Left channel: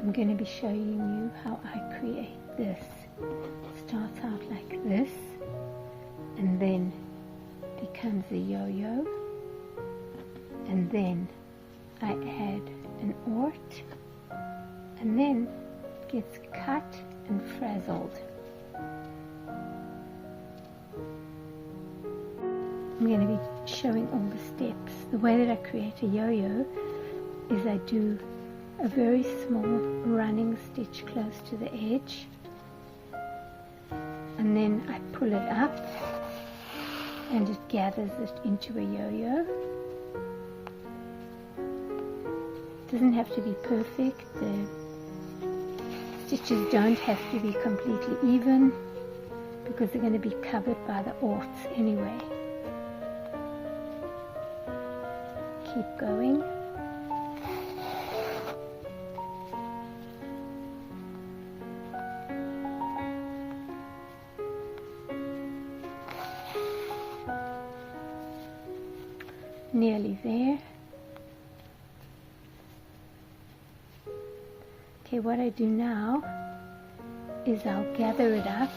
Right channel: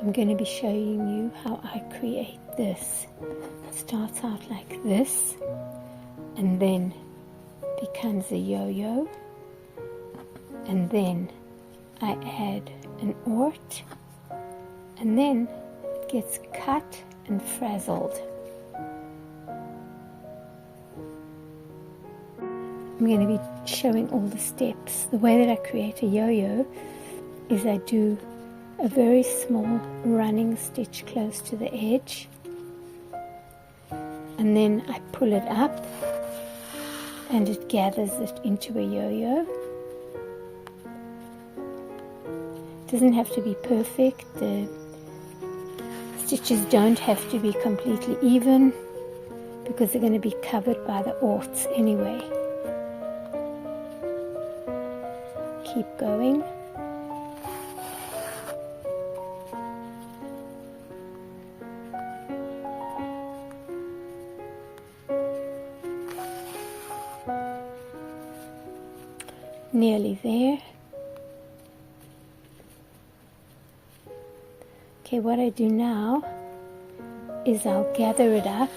I'm going to be showing you how I create this. It starts out like this and then becomes a yo-yo, and then I add an ort, and then it gets cut and frazzled. I'm going to be showing all the steps. The way that I create a yo-yo is I do a very small running stitch close to the edge, and then I pull it up and it gathers it into a yo-yo. It doesn't have to be perfect. The stitches don't have to be completely even because they're going to be covered by the orts anyway. Keep going. Nearly there. Okay, what I do now is I'll gather it up,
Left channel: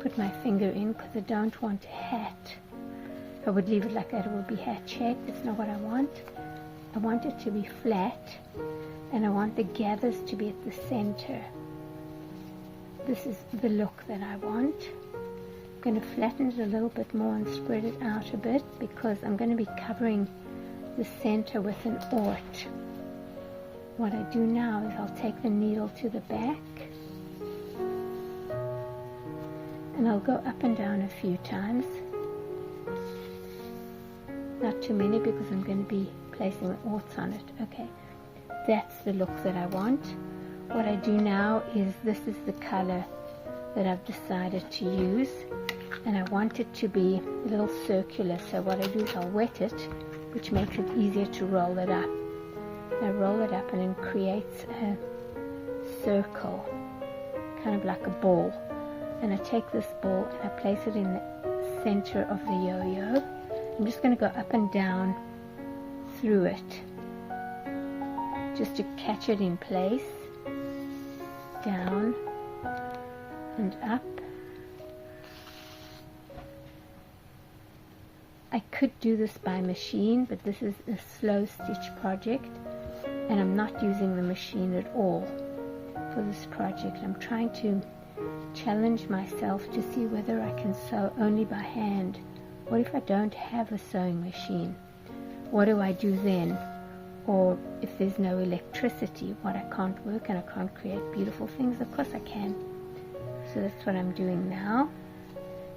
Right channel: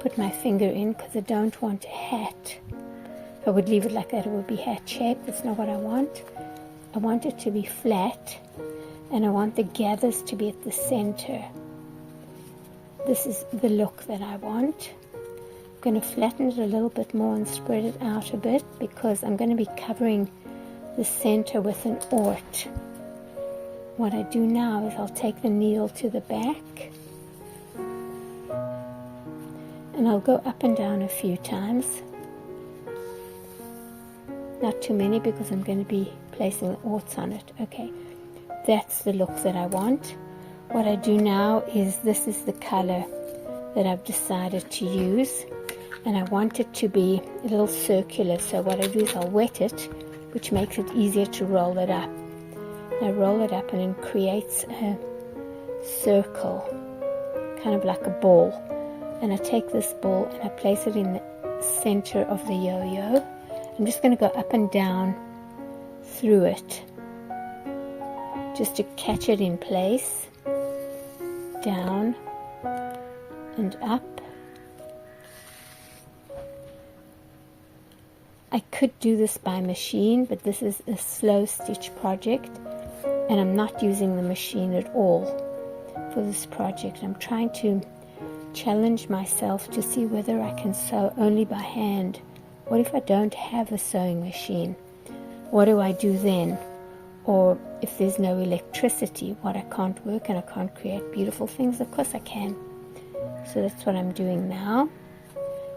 put my finger in because I don't want a hat. If I would leave it like that, it would be hat shaped. That's not what I want. I want it to be flat, and I want the gathers to be at the center. This is the look that I want. I'm going to flatten it a little bit more and spread it out a bit because I'm going to be covering the center with an ort. What I do now is I'll take the needle to the back and I'll go up and down a few times. Not too many because I'm going to be placing the orts on it. Okay, that's the look that I want. What I do now is this is the color that I've decided to use, and I want it to be a little circular. So what I do is I'll wet it, which makes it easier to roll it up. And I roll it up and it creates a circle, kind of like a ball. And I take this ball and I place it in the center of the yo-yo. I'm just going to go up and down through it, just to catch it in place, down and up. I could do this by machine, but this is a slow stitch project and I'm not using the machine at all for this project. I'm trying to challenge myself to see whether I can sew only by hand. What if I don't have a sewing machine? What do I do then? Or if there's no electricity, what, I can't work and I can't create beautiful things? Of course I can. So that's what I'm doing now.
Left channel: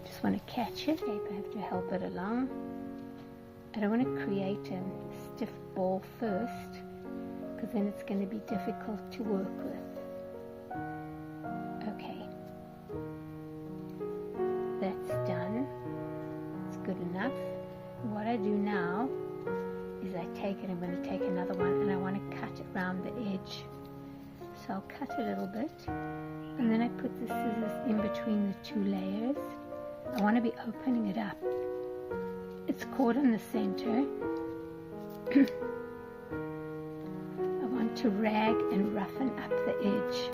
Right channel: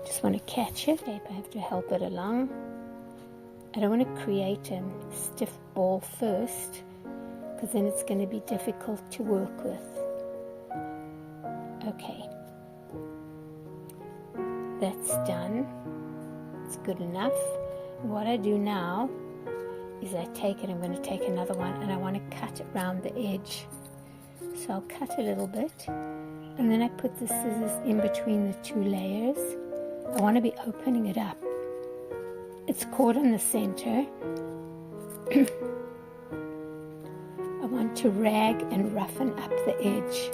Just want to catch it. I have to help it along. I don't want to create a stiff ball first because then it's going to be difficult to work with. Okay. That's done. It's good enough. And what I do now is I take it, I'm going to take another one and I want to cut it around the edge. So I'll cut a little bit and then I put the scissors in between the two layers. I want to be opening it up. It's caught in the center. I want to rag and roughen up the edge.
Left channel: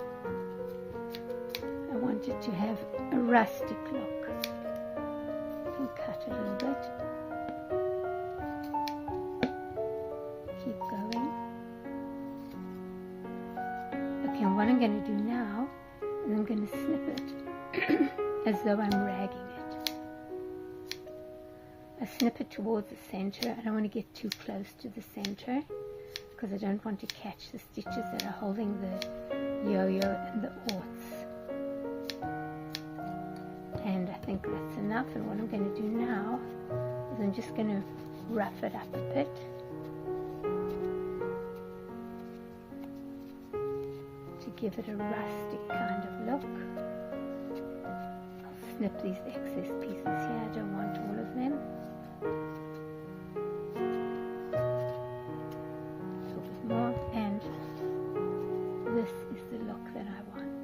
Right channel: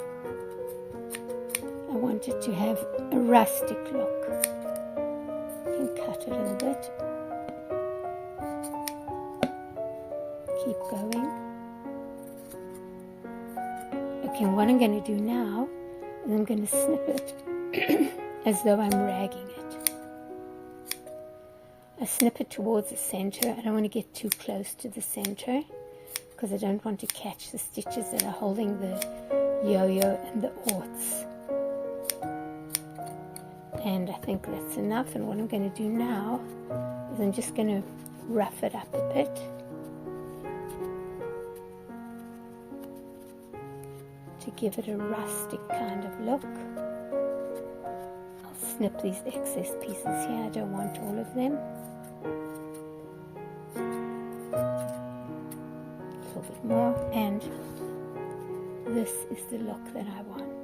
I want it to have a rustic look. You can cut a little bit. Keep going. Okay, and what I'm going to do now is I'm going to snip it as though I'm ragging it. I snip it towards the center. I don't want to get too close to the center because I don't want to catch the stitches that are holding the yo-yo and the orts. And I think that's enough, and what I'm going to do now is I'm just going to rough it up a bit to give it a rustic kind of look. I'll snip these excess pieces here. I don't want all of them. A little bit more, and this is the look that I want.